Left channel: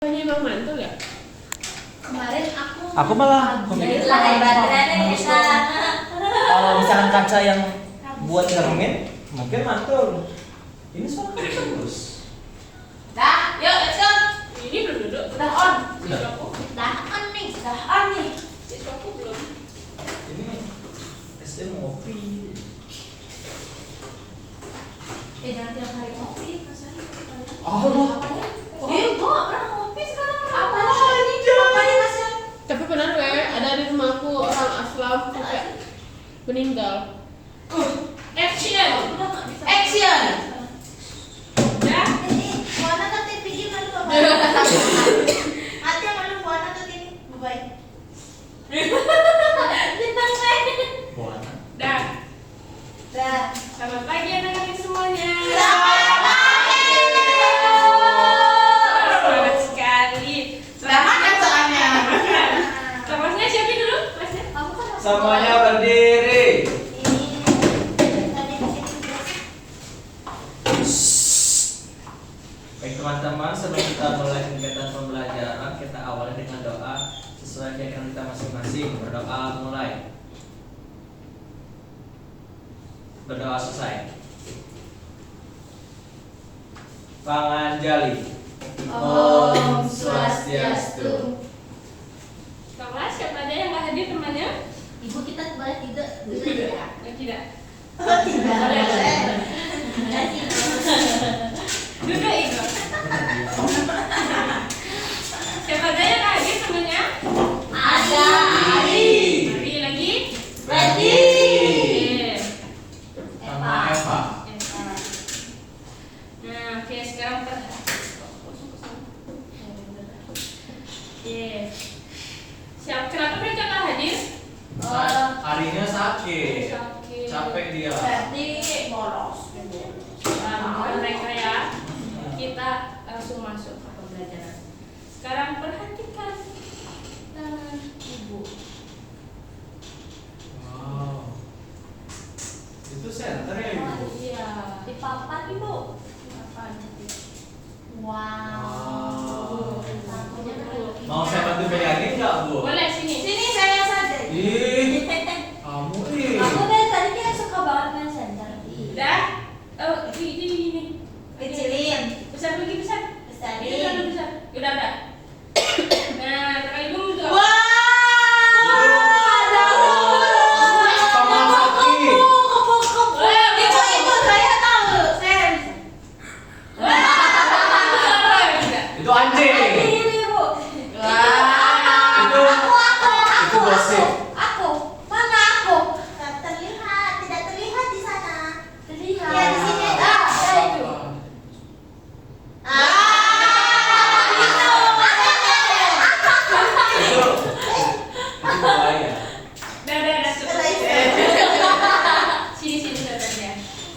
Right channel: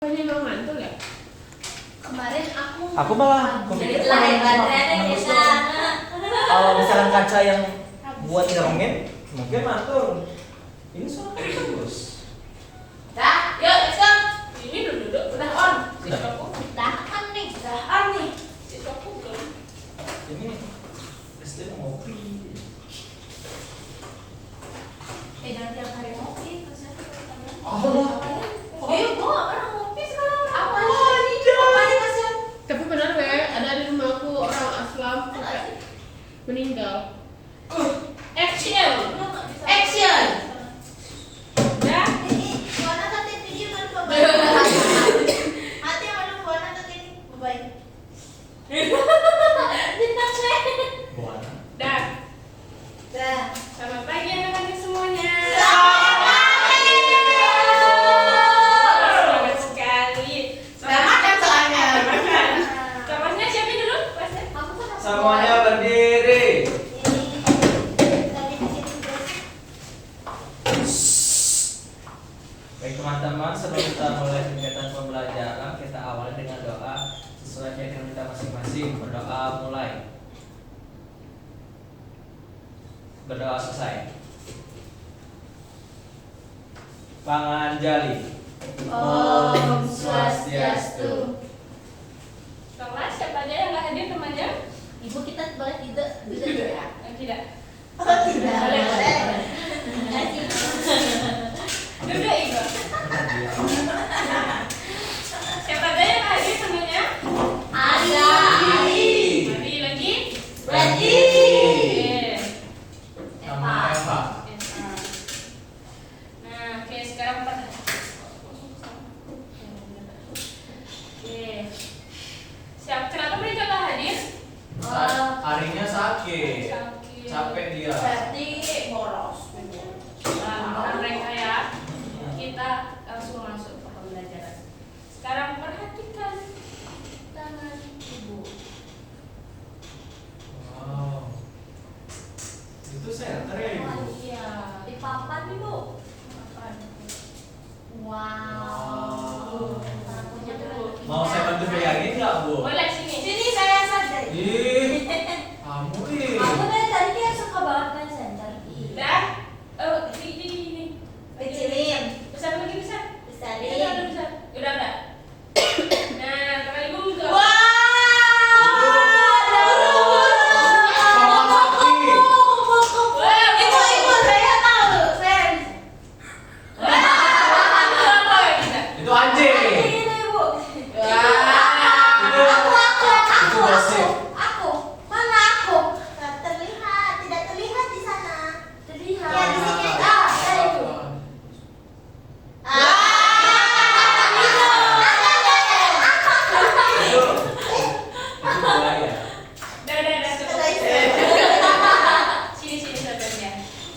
Ini mau ngantor ya? Kemarin Aku malah kalau misalkan kaca yang buat ngomongin mungkin mantul. Ini soal terus. Dah, yuk let's go. Ini belum duduk. Udah on. Sudah. Udah on nih. Cukup belum? Ini pasti mau ngopi. Jangan tiap hari ngopi. Oh, Gua orang ngopi sekarang. Apa ini? Ngapain Tasya? Tapi benar ada di rumahku orang Aslam sampai meninggal. Action. Action. Ya? Buana nanti bikin mana Hati yang mana buana nanti baik. Bintang saya. buat. Dah. Dah. Selamat pagi anak-anak semuanya. Semangat sekali. Selamat kan soalnya. Kelasnya siapa dulu? Kelasnya? Kamu kan Semuanya berdiri. Baik teman-teman, sebelum kita mulai kegiatan pembelajaran, kita awali dengan doa sesuai keyakinan kita masing-masing. Berdoa mulai. Berdoa selesai. Panganjali. Om Swastiastu. Kelas siapa aja yang nggak hadir temannya? Ibu kita boleh tidak? Oh, tidak. Oh tidak. Boleh. Duduk Igo. Siapa aja yang nggak hadir temannya? Ada. Ari lagi. Ready. Sama Eva. Nah, oke sekarang Oke. Siap. Kenapa mereka nggak hadir? Harinya sakit. Sakit. Capek dia. Berarti bolos. Nah, bukan mereka ya. Kita langsung masuk ke pembelajaran. Sekarang perhatikan tangan ibu. Wow. Itu center ya ibu. Iya. Di papan ibu. Apa? Wow. Tamunya keren. Mau saya bantu pegangin nggak bu? Boleh sini. Sini saya saja. Ih, kamu Aku dari tadi dia suka banget main center. Udah? Oh, ini. Kecilin. Besar lagi besar. Besarin. Ini besar. Udah. Nah, kalau ibu butuh. Wah. Paman Sakti. Itu saya tahu. Saya Itu anjing. ini ibu. Itu gosip. Aku. Mana aku? Terlihat, tidak terlihat di sana. Terlihat. Ya di sini ada. Ada itu. Itu bahaya. Udah cukup. Sini saja.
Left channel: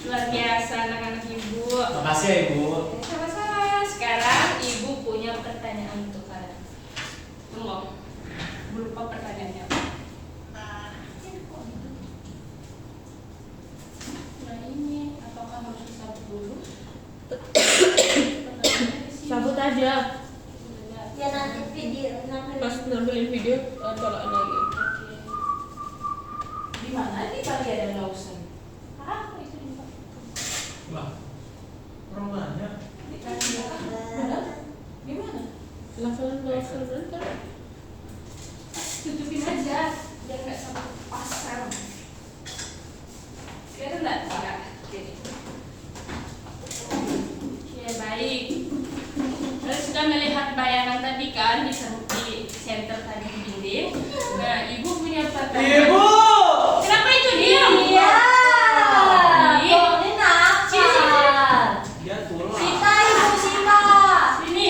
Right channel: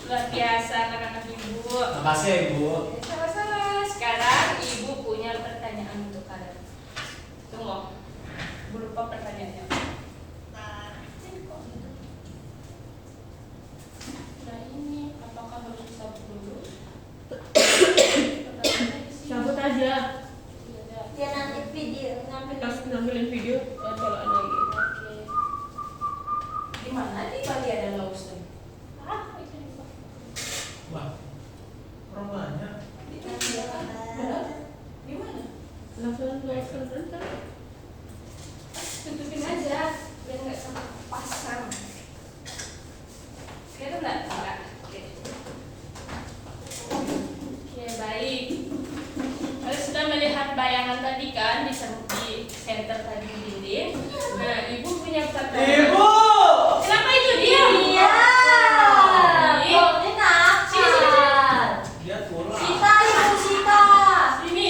Luar biasa anak-anak ibu. Makasih ya ibu. Sama-sama. Sekarang ibu punya pertanyaan untuk kalian. Tunggu. Lupa pertanyaannya. Nah ini, apakah harus disabut dulu? Sabut aja. Ya nanti video nanti. Pas ngambilin video, colokan lagi. Oke. Di mana nih bagian Lawson? Ah, itu di bawah. Wah, orang banyak. Di mana? Level kan? Tutupin aja, biar nggak sampai pasang. Sekarang enggak. Oke, baik. Kalian sudah melihat bayangan tadi kan di center tadi di dinding. Nah, ibu punya pertanyaan. Ibu. Kenapa itu diam? Iya. Ini. Ini nakal. Dia pulang. Sita ibu Sita. Sini.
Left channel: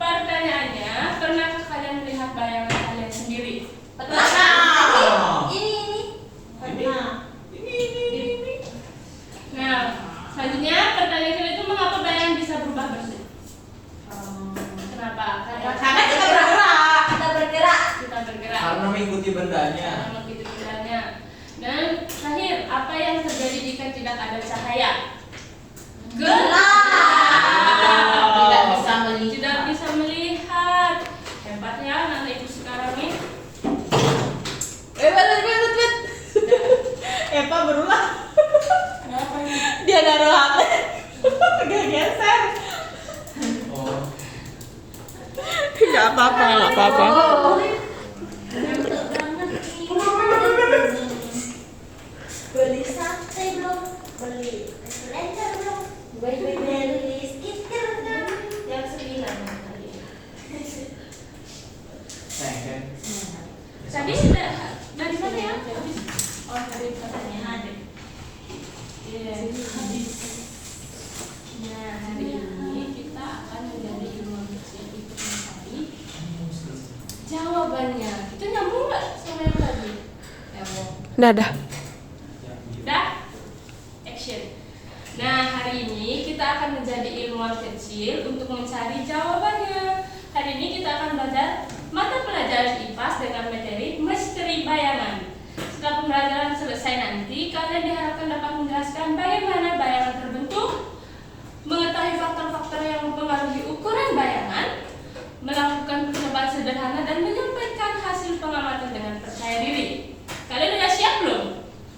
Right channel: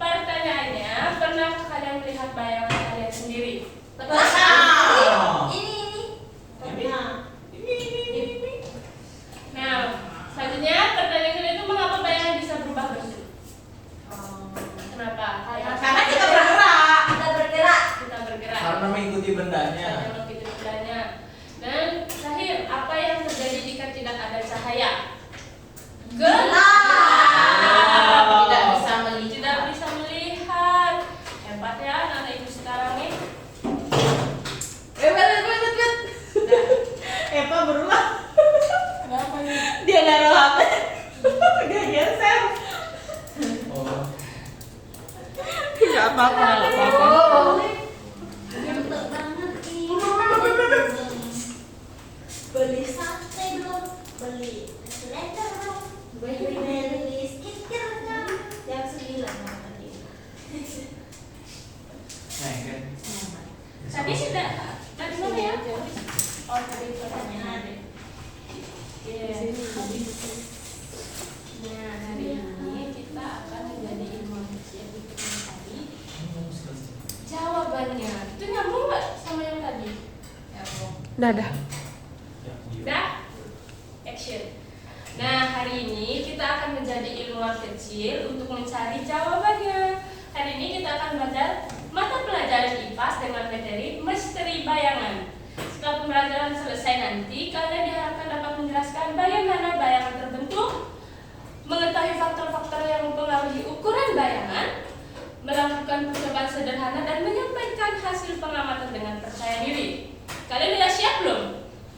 Pertanyaannya, pernahkah kalian melihat bayangan kalian sendiri? Pernah. Ini. Pernah. Nah, selanjutnya pertanyaan kalian itu mengapa bayangan bisa berubah bentuk? Kenapa? Karena kita bergerak. Kita bergerak. Karena mengikuti bendanya. Karena begitu bilangnya. Dan terakhir, apa yang terjadi jika tidak ada cahaya? Gak geser. Oh. Nggak apa-apa, nggak apa-apa. Mantap banget nih. Beli sate belum? Beli blender belum? Beli skincare belum? Jam 9 tadi. Nah, kan. Tadi sudah dari mana ya? Oh, dari pertanyaan. Iya. Nah, hari ini kita akan menjadi ilmuwan kecil untuk mencari jawabannya. Itu nyambung nggak sama yang tadi? Nyambung. Dadah. Dah? Action. Nah, hari ini kita akan menjadi ilmuwan kecil untuk mencari jawabannya. Hari ini kita akan belajar mata pelajaran IPAS dengan materi misteri bayangan. Setelah pembelajaran selesai nanti, kalian diharapkan dapat menjelaskan bagaimana bayangan terbentuk, mengetahui faktor-faktor yang mempengaruhi ukuran bayangan, melakukan percobaan sederhana, dan menyampaikan hasil pengamatan dengan percaya diri. Kalian sudah siap belum?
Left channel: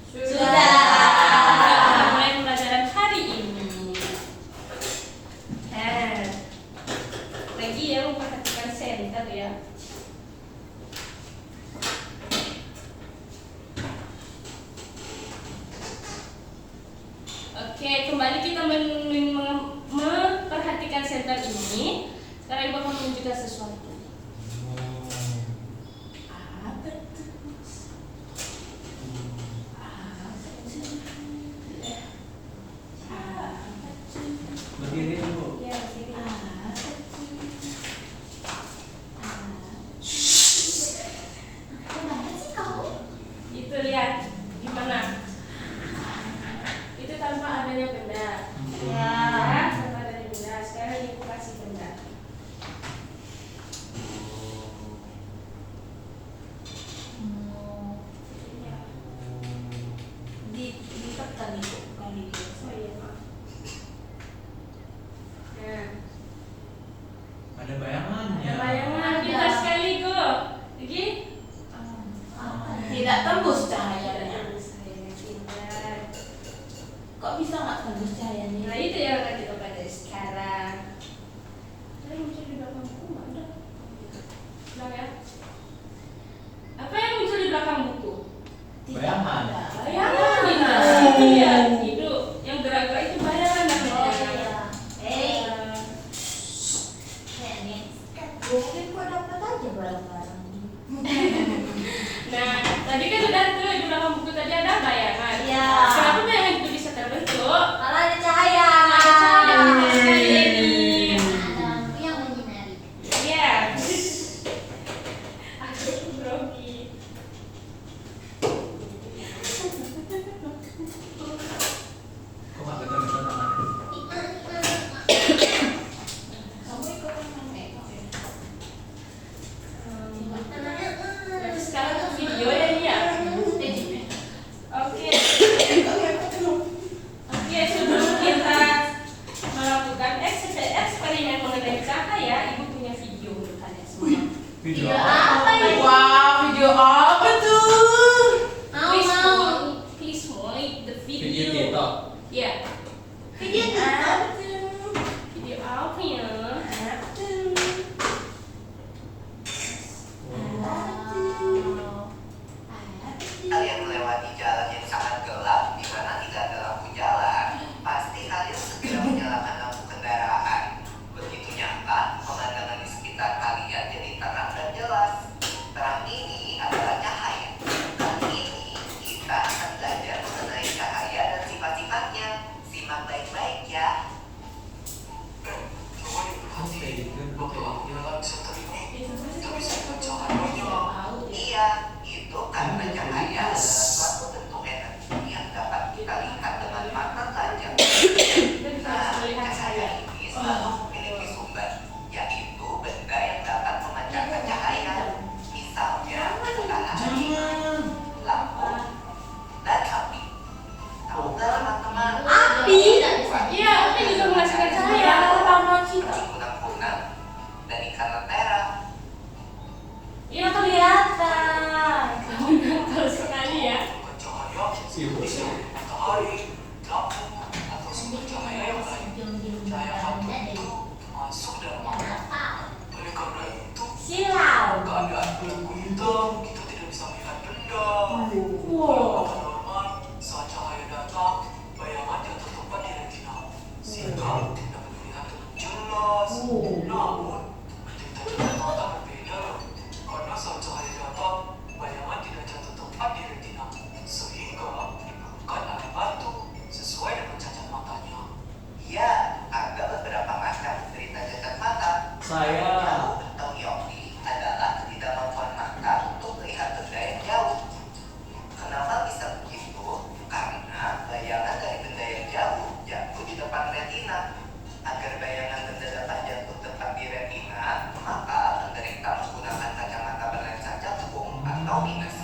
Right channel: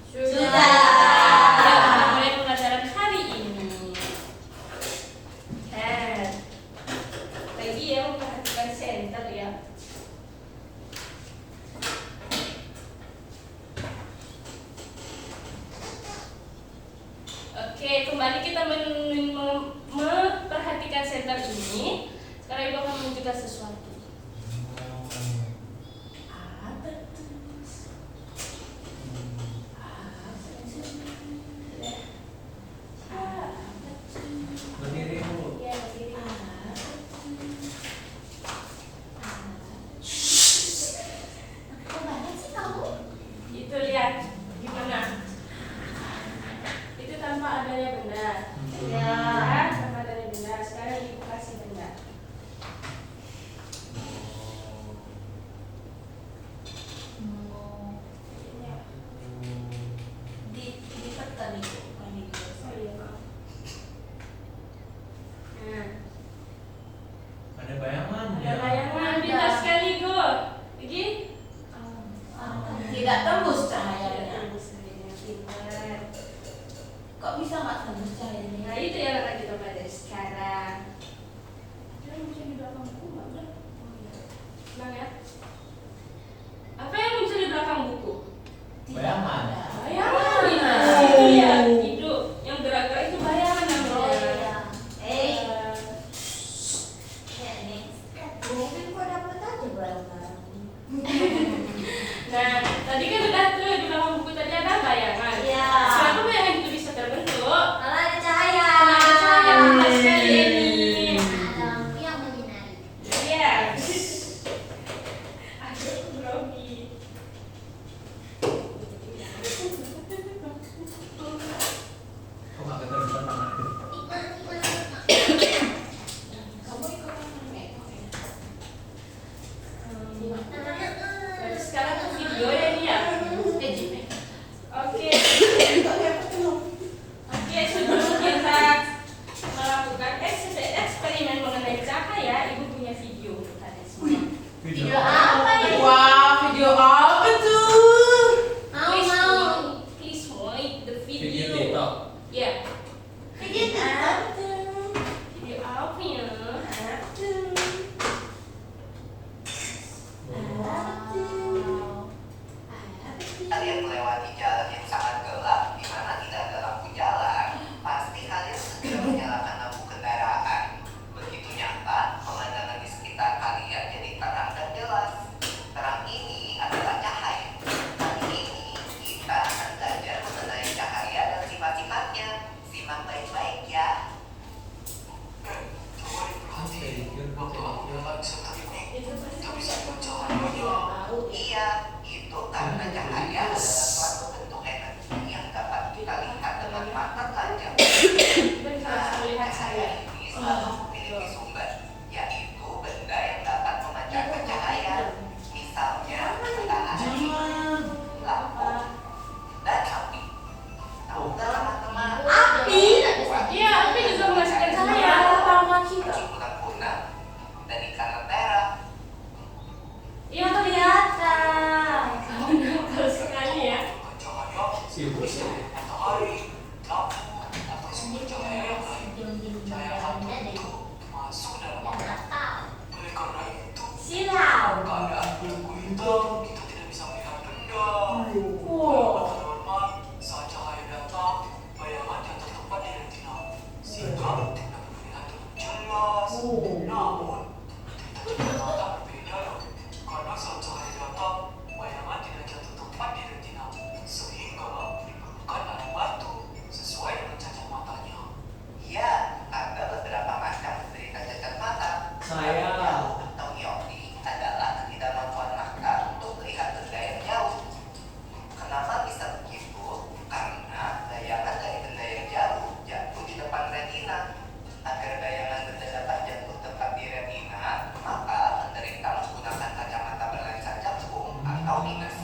Sudah. Kita mulai pembelajaran hari ini. Lagi ya, memperhatikan center ya. Oke, kembali kita memperhatikan center ini. Sekarang Ibu akan menunjukkan sesuatu. Apa tuh? Berdiri dulu. Ya, begini. Gimana sih kamu? Itu lihat gimana? Itu tanpa adanya benda. Ya. Tanpa adanya benda. Sekarang Ibu kasih benda. Ya. Ditekan itu bukan di. Oh iya, maaf. Nah, Ada bayangannya. ada bayangan. Pintar sekali, Go. Lagi? Tidak tembus cahayanya. Pintar. Kok bisa nggak tembus cahayanya? Nah, itu yang akan kita pelajari sekarang. Yang muncul di belakang buku mana? Bilang ya. Apa yang muncul di belakang buku? Bayangan. Bayangan, itu ya. Itu yang gerak-gerak itu bayangan namanya. Oh iya. Eh, Ini mungkin kok dapat aja barang-barang. Nah, tadi kan udah tuh di belakang buku tadi ada bayangan. Iya. Kenapa bayangan itu bisa terbentuk? Malah ada cahaya. Ada retina. Agar bayangan benda dapat jatuh tepat di retina, maka penderita menggunakan kacamata berlensa cekung atau minus.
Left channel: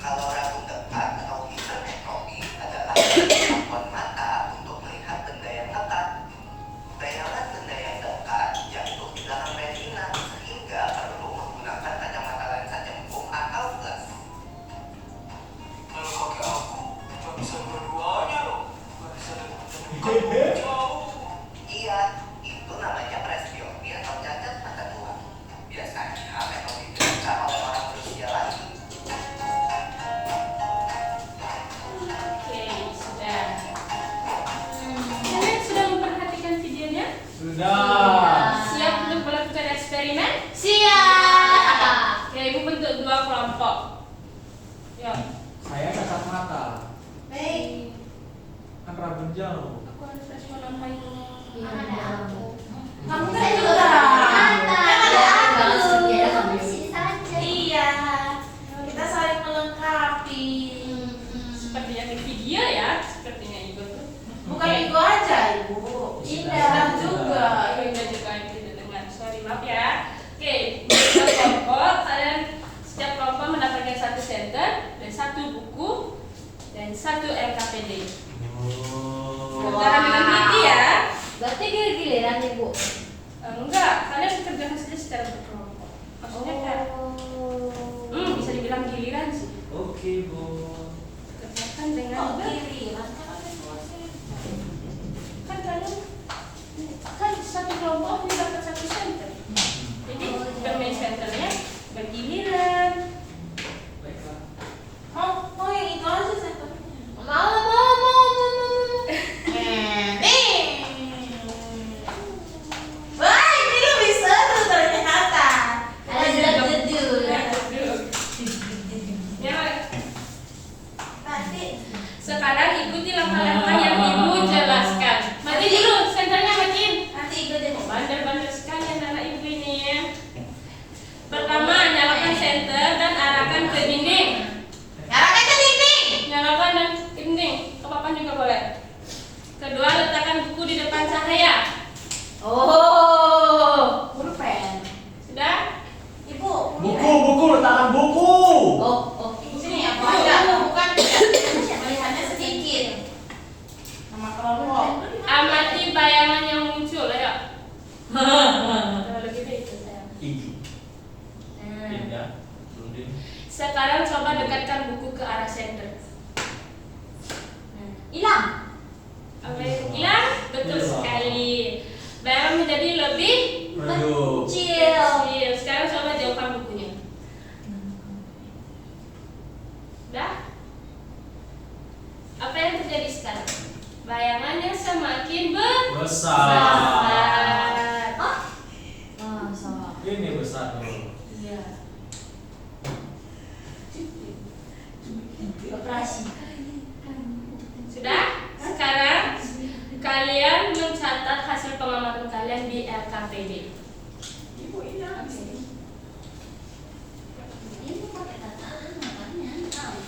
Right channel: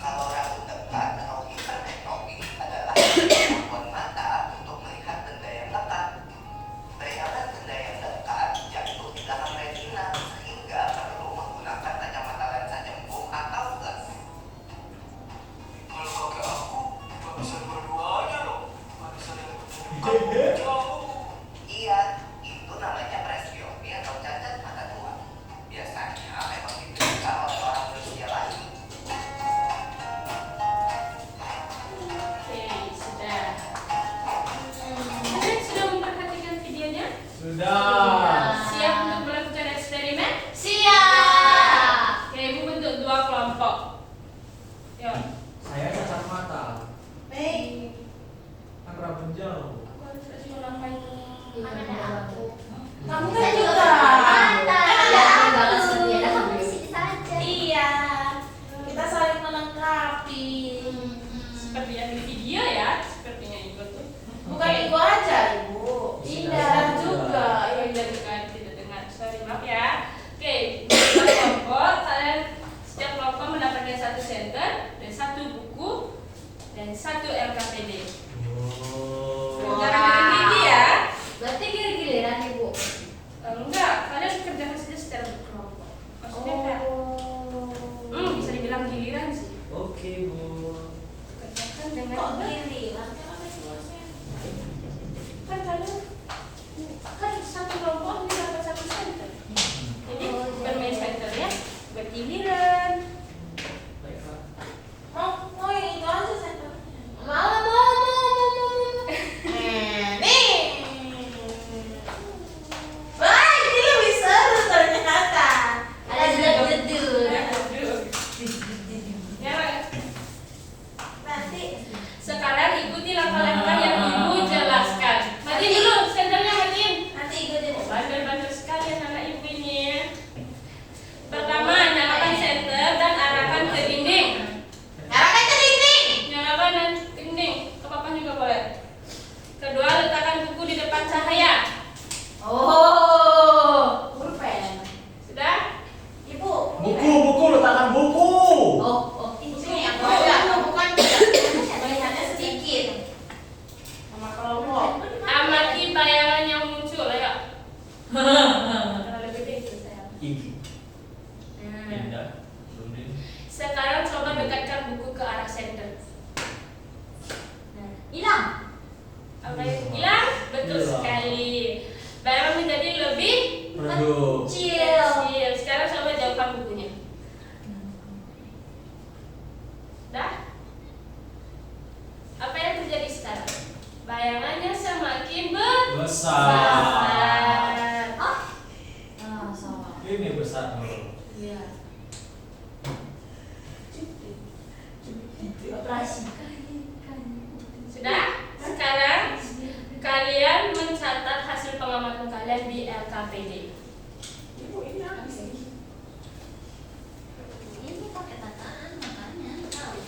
Kalau ragu dekat atau hipermetropi adalah kemampuan mata untuk melihat benda yang dekat. Bayangan benda yang dekat jatuh di dalam retina sehingga perlu menggunakan kacamata lensa cekung atau plus. Kalau pakai aku, nggak bisa dua-duanya loh. Nggak bisa lihat jauh. Iya, itu namanya presbiopi atau cacat mata dua. Biasanya memang diderita oleh orang berusia lanjut. Oke, sudah. Kalian sudah memperhatikan videonya? Sudah. Siap untuk melakukan eksperimen? Siap. Ya, ibu bentuk 2 kelompok. Ya, Saya cacat mata. Baik. Kan rambut jauh. aku harus kasih menambahin. Kamu Saya kan juga. mata. Banget seperti ada kamu. Sini saja. Iya. Kita saling melengkapi. Seperti yang di video ya, sepertinya ibu tuh. Bukan Igo aja, Ibu. Indah juga. Oh, Indah juga tidak dengar. Sorry, maaf ya. Oke, setiap kelompok kalian setiap kelompok mendapatkan 1 center dan 1 buku dan 1 LKPD. Oh. Jangan dengan teliti ya. Berarti giliran Ibu. Enggak, kalian kerjakan saja secara berkelompok. Maksudnya kayak bisa dibilang giliran sih. Oke, Bu. Kerjakan dengan Oh, giliran. kan kalian kan 1 kelompok dia dapat 1 center. Jadi bermain centernya bergiliran. Baiklah. Mau yang itu aja saya. Mau. Nih. Baik, ini lebih seru ternyata. Ada duduk. Ya, Pak. Nanti Sekarang ikuti langkah-langkah yang ibu jelaskan. Mati dulu, senternya matiin. nanti Igo deh mau. Bandel-bandel sekali anak ibu ini ya. Pertama, nyalakan senter dan arahkan ke dinding. Nyalakan ke dinding. Nyalakan dan ke dinding. Apa-apa juga boleh. Kedua, letakkan buku di depan cahaya. Oh, pulpen. Sudah? Ibu. Buku, letakkan buku. Oh. Di sini aku ada, bukan melihatnya sedikit. Sama kelompok. Amati bayangan yang muncul, ayo. Terlalu gede itu sayang. Tinggi. Nah. Indah. Ludin. Sekarang coba dekatkan buku ke arah senter. Hilang. Apa yang hilang? Betul Hilang. sekali. Bayangan menjadi lebih Redup. kecil. Sekarang coba jauhkan bukunya. Dah? Apa yang terjadi sekarang? Bayangannya semakin Besar. Oh. Salah. Ini besar dulu. Iya. Operasi. Sudah? Sekarang kalian mencatat hasil pengamatan kalian di LKPD. Ibu ini Ini pakai tataan makanya tahu.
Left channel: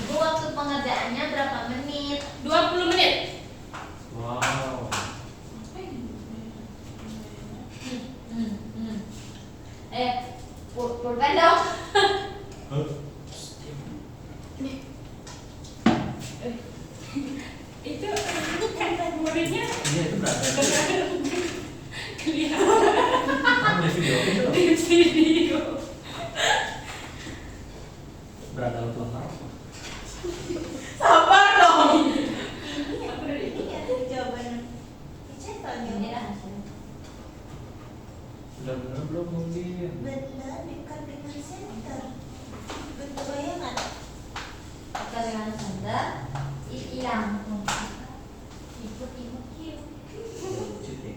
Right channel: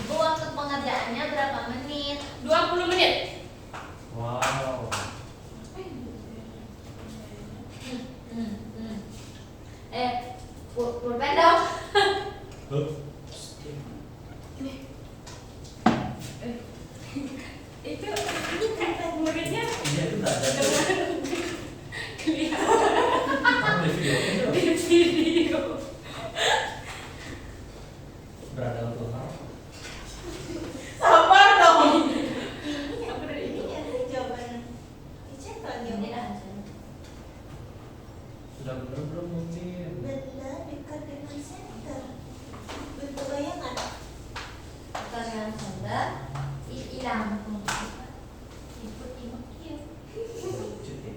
Ibu waktu pengerjaannya berapa menit? 20 menit. Wow. Pulpen dong. Huh? Itu kan muridnya Iya, itu berapa? kelihatan Kamu di video. di video. Berada untuk apa? sabar dong. Ini Apa dari itu? ada jawaban. Dicetak ini hasilnya. Sudah benar belum mungkin? Benda dekat dengan center. Bentuk bayangan. Dekat dengan center. Hilang. Ikut. Lucu deh.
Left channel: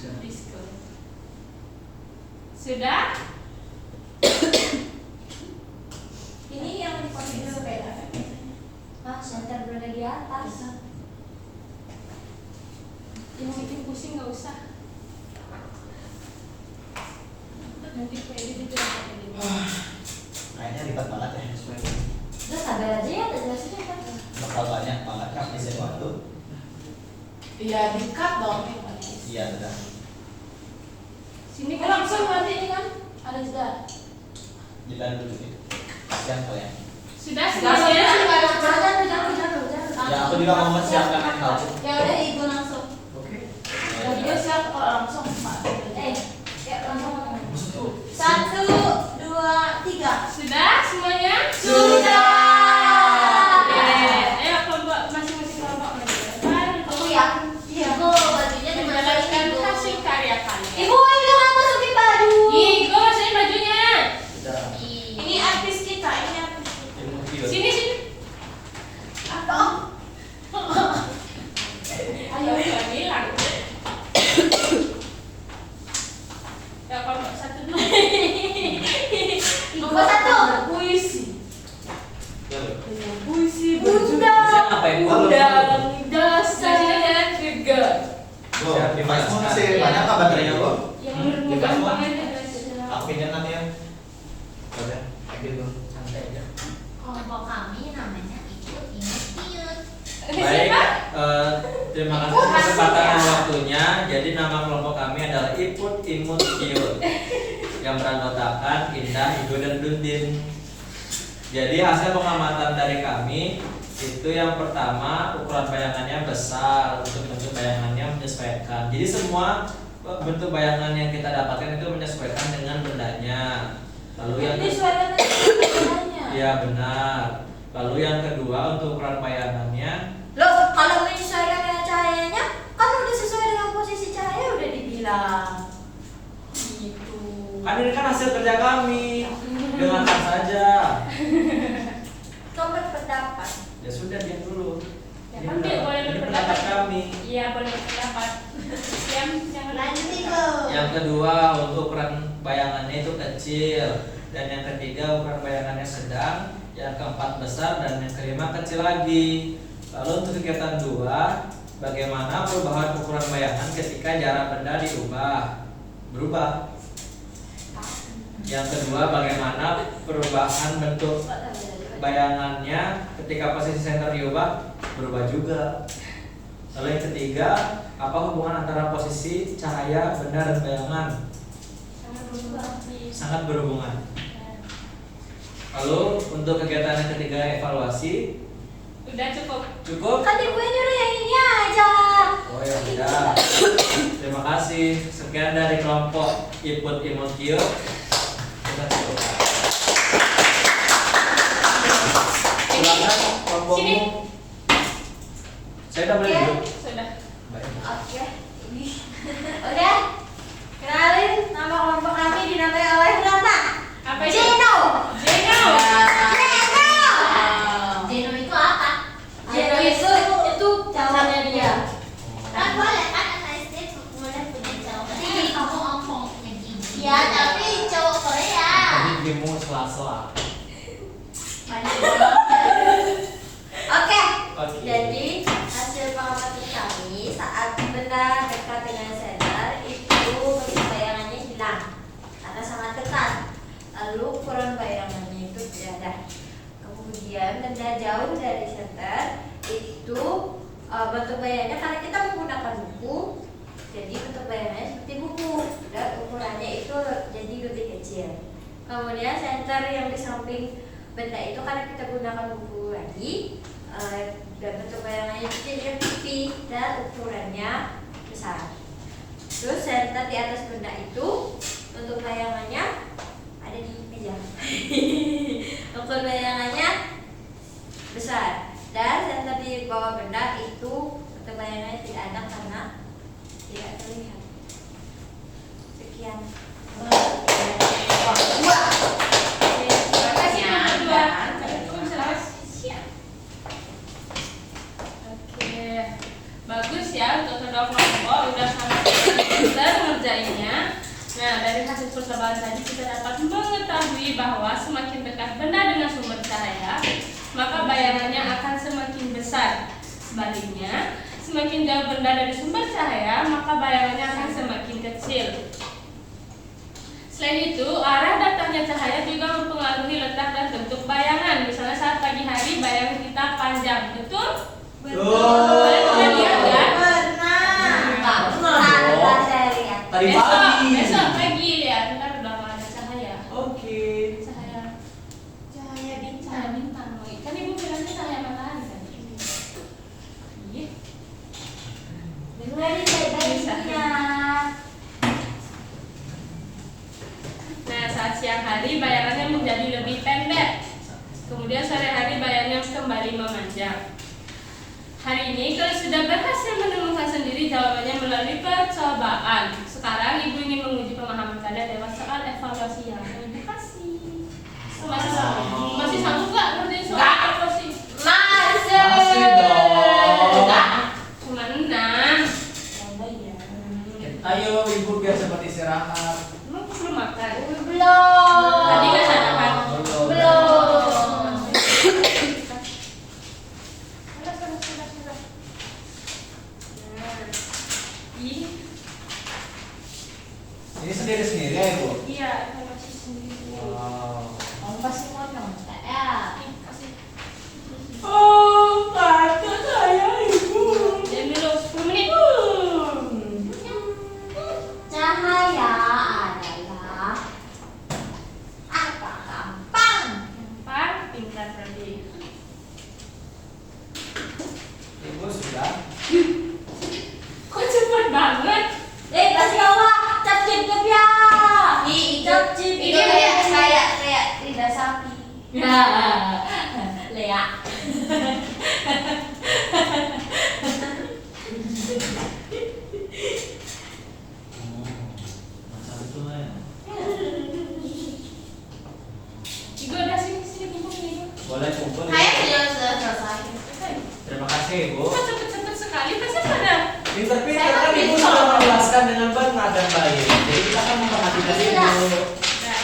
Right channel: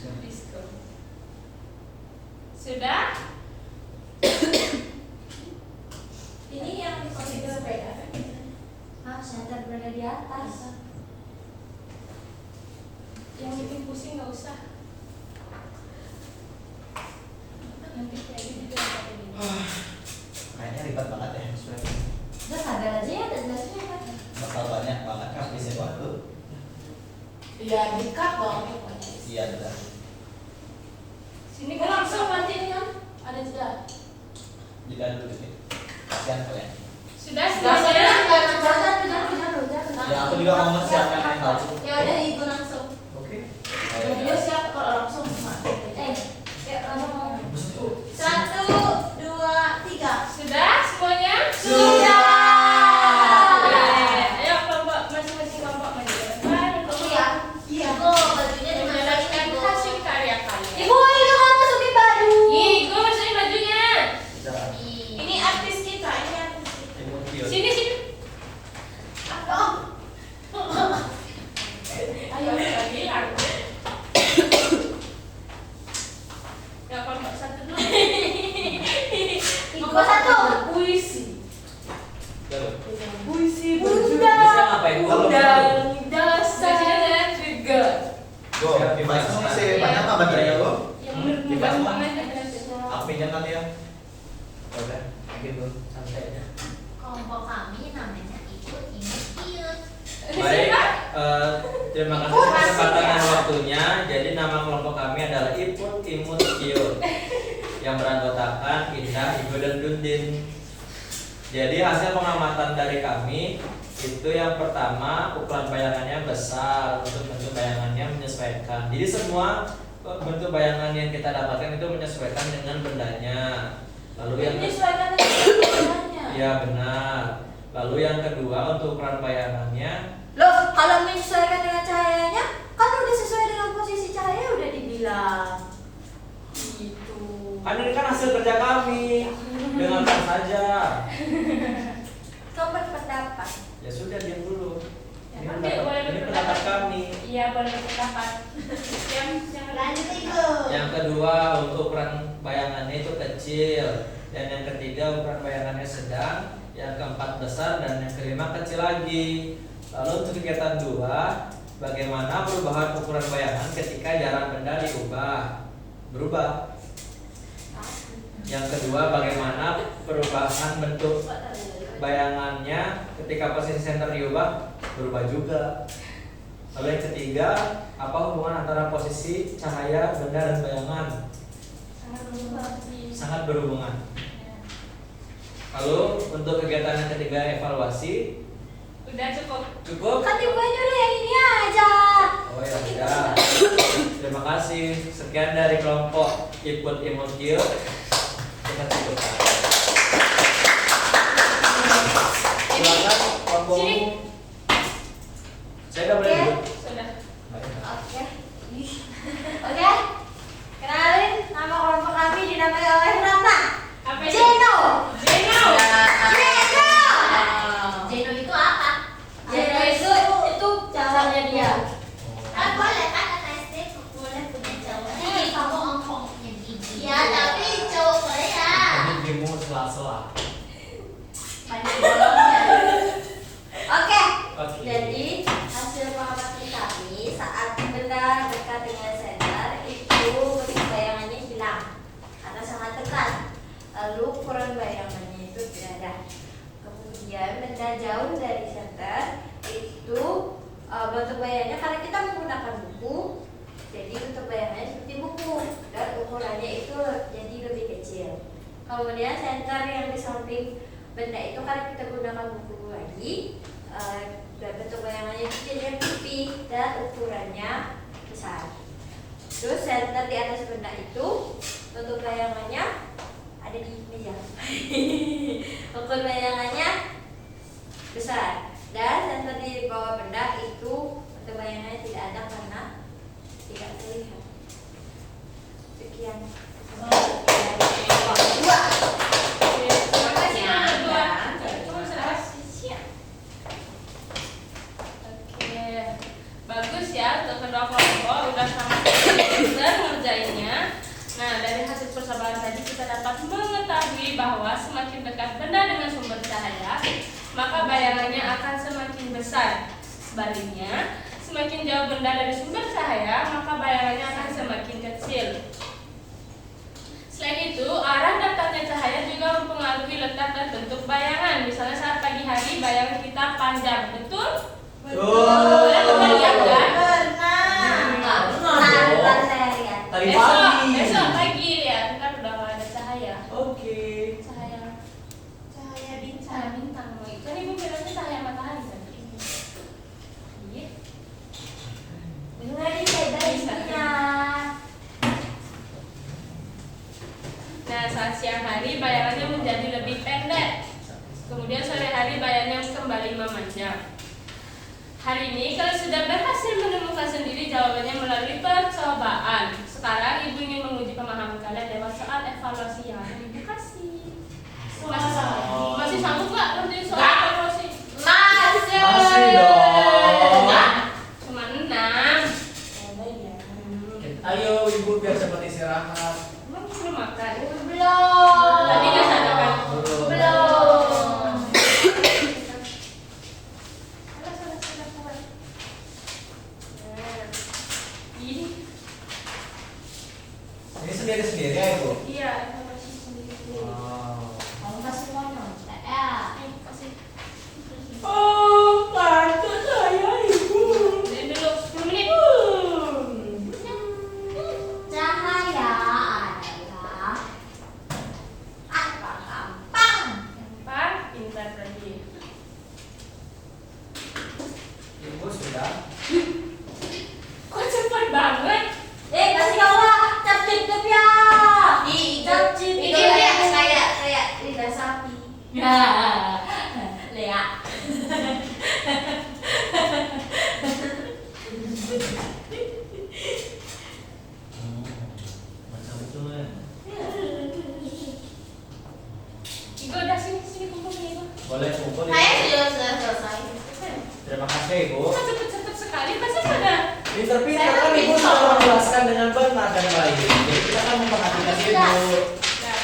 Disco. Sudah? Ini yang posisi berbeda. Ah, center berada di atas. Yang bikin pusing nggak usah. Nanti kayak gitu pakai gini. Kayaknya ribet banget ya sesuai. Udah sabar aja ya, udah jelasnya kan. Bakal banyak banget kan isi waktu. Iya, di-cut dong. Iya udah. Sini Ini langsung nanti ini kan ada jeda. Jeda dulu nih. Kasihan kalian. Sudah Langsung semuanya? Jangan. Ya aku juga mau mempersiapkan yang lalu. Ya udah itu langsung. Oke. Dan dia siap kalau langsung Pak. Ya langsung. Betul. 1, 2, 3. Sudah semuanya? Sudah. Oke. Ayo kelompok masing-masing kelompok maju. Mari Aku ya. Iya. Kok bajunya menjalankan dimasukin hasil karya kalian. Ibu, itu kan masukin baju. Ih, gue masukin bajunya. Kita Ini artis kita, ini artis kita. ini mau video. Sini sini. Apa? Ayo kita bilang. Ya kelompok satu dulu. Kelompok 1. Puisi. Puisi Bunda. Bisa ngapain? Dasar juga. Go. Device-mu masih banyak apa baterainya, Go? Yang menurutmu gampang aja belajarnya. Aku pinjam nanti ya. Udah, kayak gitu. Santai aja. Kelompok kami namanya ikut imut. Baik, terima kasih atas kesempatan dan waktunya. Jadi nama kelompok kami adalah Iput Imut Kiut yang beranggotakan Indah, Igo, dan Dundin. Jadi hasil pengamatan dari kami itu yang pertama ukuran bayangannya besar, untuk bentuk bayangannya menyesuaikan. Jadi semua bentuk bayangan yang kita dapatkan itu menyesuaikan dengan bendanya. Lalu yang Disesuaikan dengan bendanya. iya benar. Lalu yang kedua untuk ukuran bayangannya Loh, kalau menyesuaikan dengan cahayanya, kan udah sesuai dengan posisi cahaya udah dibilang. Gitu. kan ini kan hasil kerja kami, dengarkan saja. Kau berpendapat. Ya sudah diam dulu. Ya Ini kan pendapat- boleh ini berpendapat. pendapat kami. Iya boleh berpendapat. Yang jangan Lanjut Ibu. Yang kedua untuk ukuran bayangannya itu kecil, dan yang ketiga ukuran bayangannya sedang, yang keempat besar, dan yang kelima kecil lagi. Lalu untuk kegiatan 2, bagaimana perubahan ukuran bayangan ketika jarak benda diubah? Berubah. Yang kedua, bagaimana perubahan bentuk bayangannya ketika posisi center diubah? Berubah juga. Lalu yang ketiga, apa hubungan antara posisi cahaya, benda, dan bayangan? sangat berubah. Sangat berhubungan. Lalu untuk kegiatan yang ketiga, evaluasi. Udah cukup. Cukup? Kan Ibu nyuruh yang ini aja. Oh ya udah. Terima kasih. Sekian dari kelompok Iput Imut Kiut. Kita cukupkan. Silakan kelompokmu. Saya udah boleh duduk. Sudah. Baik. Oke. Ih. Oke. Kenalin, nama kelompok kami dinamai oleh Rata. Apa itu? Jeno. Jeno. Jeno itu apa? Jeno itu calonnya dia. Kan boleh kan anak SD boleh punya cowok. Tapi kamu ompong punya gigi. Ya, tapi cowok Korea. Tadi dirimu sela-sela. Oke. Oke. Jadi hasil pengamatan kami saat benda dekat dengan senter itu bentuk bayangannya hilang karena sangat dekat. Lalu ukuran bayangannya itu tidak ada. Kemudian benda jauh dari senter itu bentuk bayangannya karena kita menggunakan buku, jadi bentuk bayangannya seperti buku dan ukurannya itu jadi lebih kecil. Kemudian senter yang di samping benda itu karena kita gunakan buku lagi, dan bentuk bayangannya jadi pipi dan ukurannya besar. Terus senter di atas benda itu bentuk bayangannya ada di meja. Ukur bayangannya besar dan senter di bawah benda itu bentuk bayangannya tidak ada karena tidak terlihat. Sekian. Terima kasih yang kedua. Kamu bisa lepas. Oke. Bagus ya. ya untuk kedua kelompok udah sangat pintar ngerjainnya. Nah, dari hasil percobaan tadi kita dapat mengetahui bahwa semakin dekat benda dengan sumber cahaya, maka bayangannya akan semakin besar. Sebaliknya, semakin jauh benda dari sumber cahaya, maka bayangannya akan semakin kecil. Selain itu, arah datangnya cahaya juga mempengaruhi letak dan bentuk bayangan. Misalnya saat pagi hari bayangan kita panjang, betul? Kalian pernah lihat kan? Pernah saya lihat. Tadi Besok pagi. pagi lihat, ntar udah nggak ada cahaya. Oke. Cahaya bintang. Kan ibu bilangnya cahaya matahari kan? Iya. Dengerin baik-baiknya. Nah, saat siang hari bayangannya menjadi lebih pendek. Kemudian sore hari bayangannya kembali memanjang. Hari ini kalau sudah berhasil menemukan sendiri jawabannya melalui percobaan. Sekarang ibu ingin menguji pemahaman kalian lewat soal evaluasi yang ibu kasih. Masih sanggup nggak ngerjain soal evaluasi? Masih dong. Cuma 6. Ayo ibu biar sempat istirahat. Emang belum makan? Belum. Tadi kan sarapan. Belum. Sabar. Nah, ini Ini sendiri ya ibu. iya evaluasi sendiri. Wow. Kamu pasti mau nonton ya? Kasih. Oh, tante saya ibu. Diam dulu 10 menit. Cahaya adalah apa? Gampang. Gampang, pintar berarti. Ibu sudah. Kok cepet banget? Kasih Allah, cap cip ya. Cap cip Ini itu dia. kayak lidah sapi. Ya, Lea. Masa betul ya. Ibu udah sini kumpul sini Ibu. Boleh kumpul ya. Kayaknya sudah selesai. Terima kasih ibu. Kok cepet-cepet sekali? Pasti pada. Pinter-pinter kan ibu selalu menjelaskan dengan benar dan baik. Jadi kita akan memperhatikan ibu. Nah,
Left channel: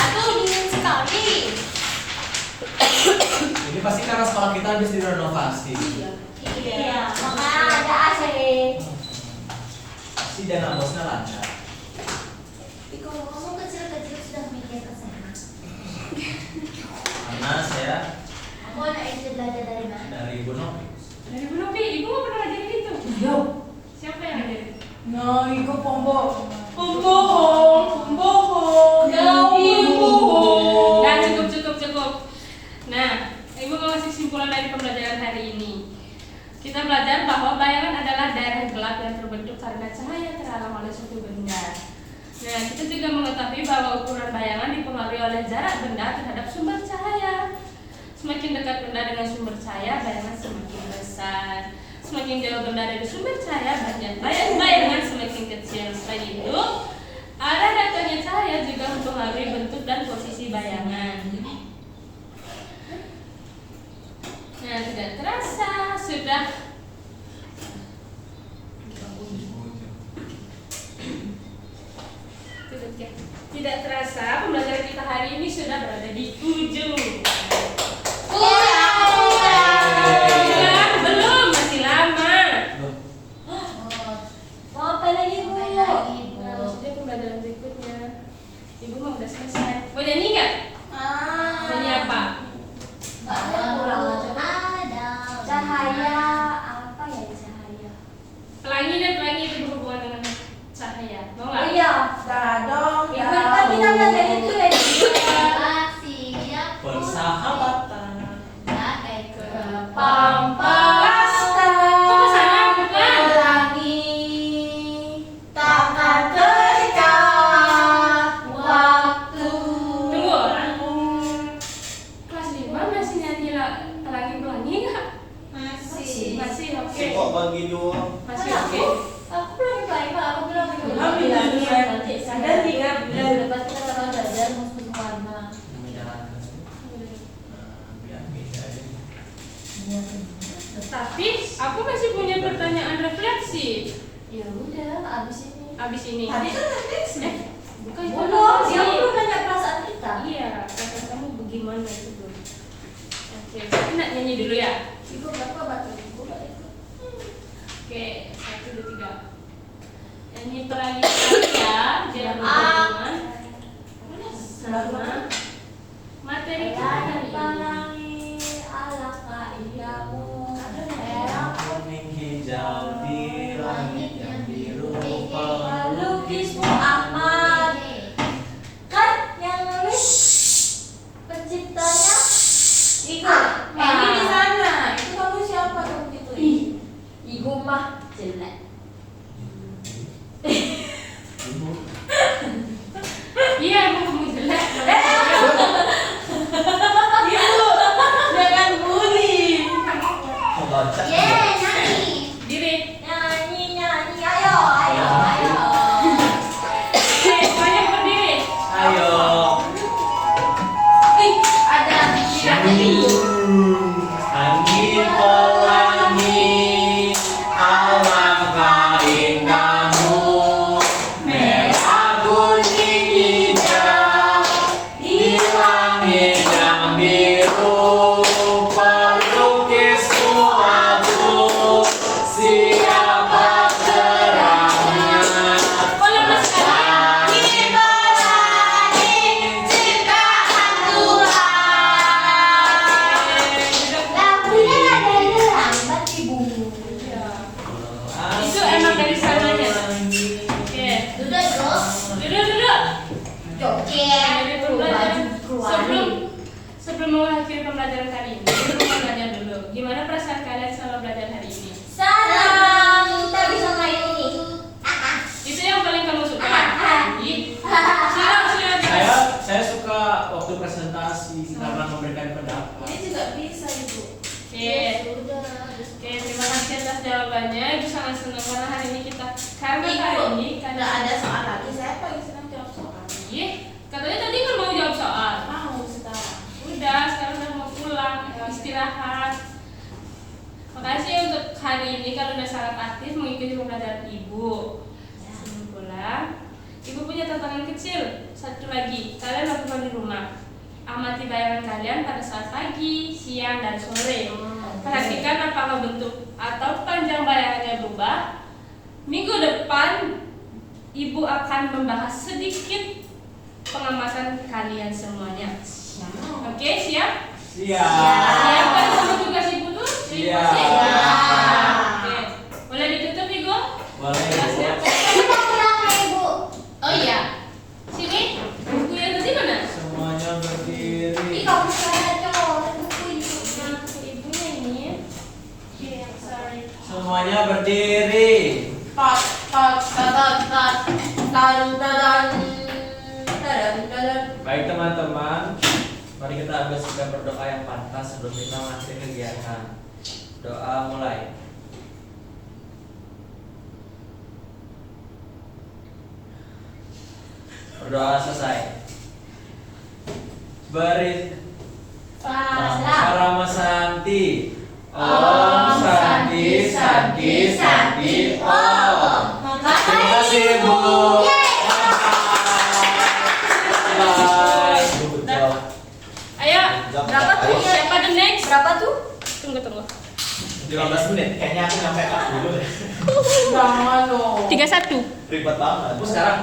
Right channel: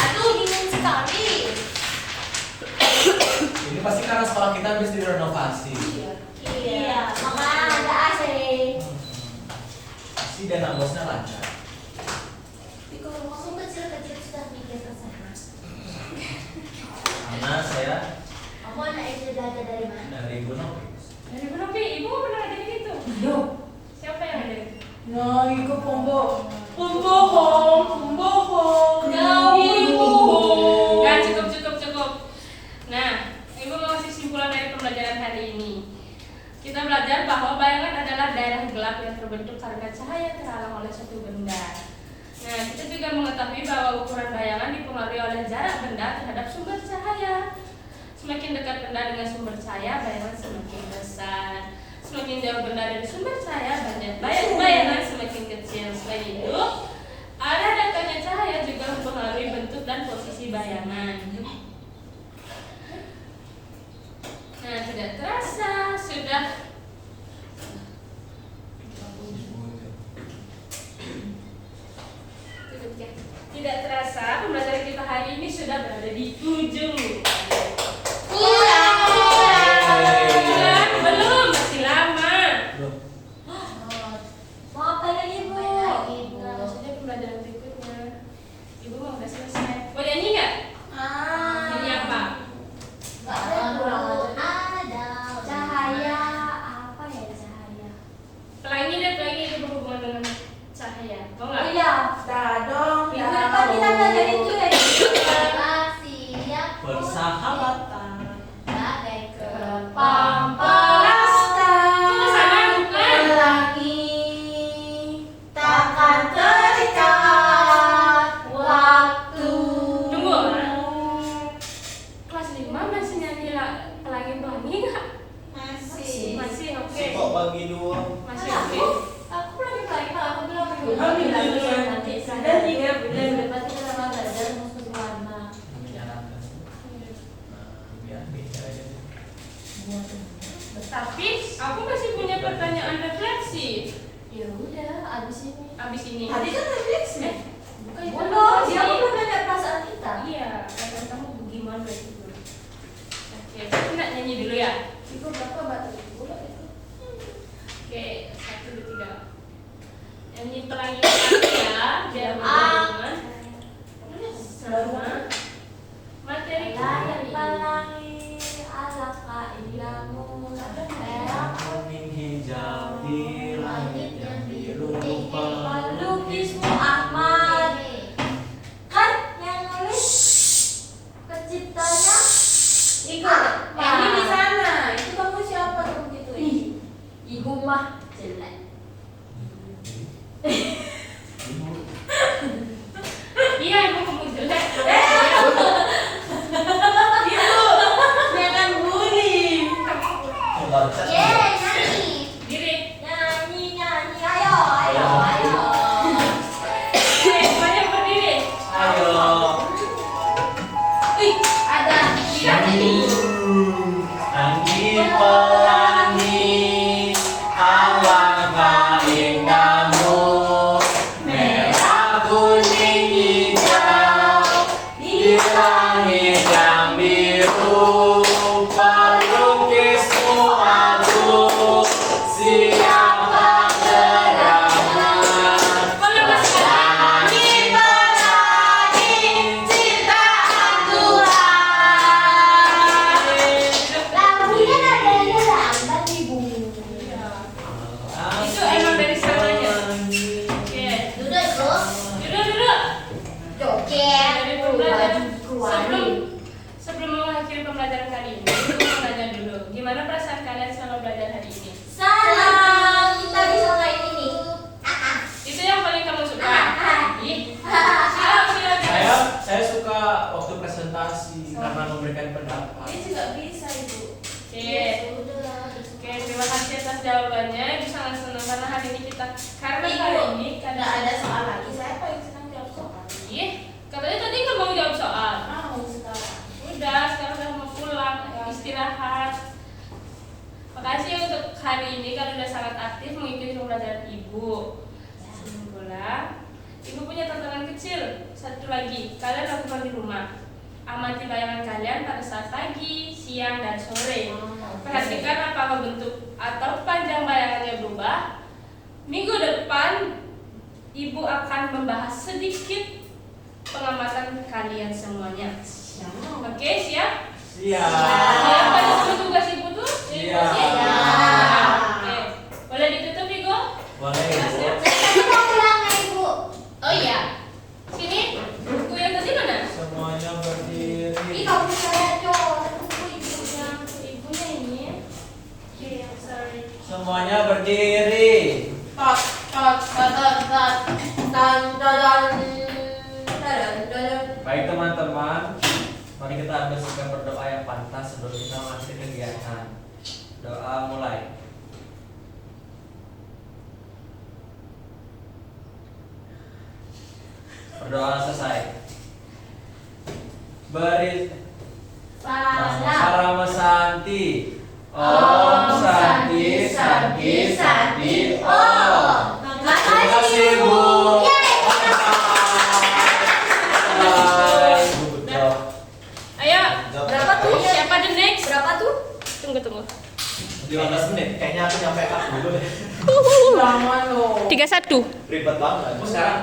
Aku dingin sekali. Ini pasti karena sekolah kita habis direnovasi. Iya, makanya ada AC. Pasti dana bosnya lancar. Tapi kalau kamu kecil-kecil sudah mikir ke sana. Karena saya Kamu anak SD belajar dari mana? dari Ibu Novi. dari Bu Novi, Ibu nggak pernah ngajarin gitu. Siapa yang ngajarin? No, iku pembohong. Pembohong. Nah, cukup. Nah, Ibu mau kasih simpulan dari pembelajaran hari ini. Kita belajar bahwa bayangan adalah daerah gelap yang terbentuk karena cahaya terhalang oleh suatu benda. Nah, kita juga mengetahui bahwa ukuran bayangan dipengaruhi oleh jarak benda terhadap sumber cahaya. Semakin dekat benda dengan sumber cahaya, bayangan semakin besar. Semakin jauh benda dari sumber cahaya, bayangan semakin kecil. Selain itu, arah datangnya cahaya juga mempengaruhi bentuk dan posisi bayangan. Nah, tidak terasa sudah tidak terasa pembelajaran kita hari ini sudah berada di ujung. Belum, masih lama. Mau apa lagi, Bu? Nah, sudah pembelajaran berikutnya. Ibu mau udah selesai. Mau nyanyi nggak? Nyanyi apa? Ada cahaya apa ya cahaya? Pelangi itu berhubungan dengan cahaya. Mau nggak? Iya. Dadong, Tapi nama dari itu dari siap. Persahabatan. Bagai Pampas. Kok ke sana bukan? Pelangi takkan terikat waktu. Tunggu. Kelas 5 masih nyanyi pelangi nggak? Masih oke. Si kok bagi dua. Masih oke. Aku pelangi kalau aku bilang Alhamdulillah, nanti ada 3 bulan. Berarti kita akan belajar musuh warna. Menjalankan. Biar beda aja. Tapi aku masih punya pertanyaan skripsi. Ya udah, abis ini. Abis ini. Tadi kan skripsi. Bukan itu Belum, apa dia sih? belum nanya perasaan kita. Iya, kata kamu bagaimana gitu. Oke, tapi nak nyanyi dulu ya. Ibu berapa batu ibu? Oke, 1, 2, 3. Nyanyi pelangi sekali ya, biar berhubungan sama materi kita hari ini. Pelangi alangkah indahmu. Merah Kuning hijau di langit yang biru pelukismu Ahmad. Kan yang nulis penciptanya Ibu. Ini di sana. Itu kamu siapa kamu gitu? Ibu mah jelek. Iya, emang kamu jelek. Ibu, jangan bully. Loncat. Nyanyi. Diri. Nyanyi, nyanyi. Ayo. Oke, semuanya berdiri. Ayo. Ih, ada Angin pelangi, alangkah indahmu, merah kuning hijau di langit yang biru, pelukismu aku, siapa gerangan. Boleh Mas Kak? Langit pelangi ciptaan Tuhan. Lagunya nadanya lambat ibu. Itu emang dari sananya. Oke. Duduk terus. Duduk. Joget. Dari pembelajaran sebelum mengakhiri pembelajaran kali ini, aku mau nanya dulu, gimana perasaan kalian selama belajar hari ini? Salam. Kita bisa main ini. Itu yang paling kamu suka? Silakan. Saya suka waktu presentasi karena memberikan pendapat. Ini juga bisa ibu. Oke. Oke, terima kasih atas jawabannya. Ibu sangat senang karena hari ini karena hari ini Karena ada soal lagi, saya paling senang jawab soal. Iya, katanya tadi nggak mau jawab soal. Mau sekarang. Udah, sekarang saya mau pulang, istirahat. Makasih untuk hari ini kalau udah sangat aktif mengikuti pembelajaran ibu. Sebelum pulang, ibu punya tantangan kecil. Satu lagi, kalian lakukan di rumah. Amati bayangan kalian pada saat pagi, siang, dan sore. Perhatikan apakah bentuk atau panjang bayangannya berubah. Minggu depan, ibu akan membahas sedikit pengamatan kalian semuanya. Oke, siap? Siap. Siap kan sama tugas ibu tuh? Siap. Siap. Oke. Boleh ditutup, Ibu? Boleh. Ya, siap. Tadi mau pulang ya ibu. Oh iya. Sini. Buku yang tadi mana? Semuanya Ih berdiri. kamu saya coret buku ibunya. Ibunya ini. Iya, sorry. Semuanya berdiri. Tot, tot, tot, tot, tot. Dan dan. Baik teman-teman, mari kita bersihkan berdoa yang pantas sebelum kita mengakhiri kegiatan. Doa mulai. Berdoa selesai. Beri Rama Santi. Om Santi Santi Santi Om. Terima kasih Bu. Good job. Ayo. Berapa tuh? Siapa the next? Berapa tuh? Tunggu. 15 menit. Kayaknya aku nyampe kelas dulu deh. Jangan loh. 31. Ribet banget. Bu sekarang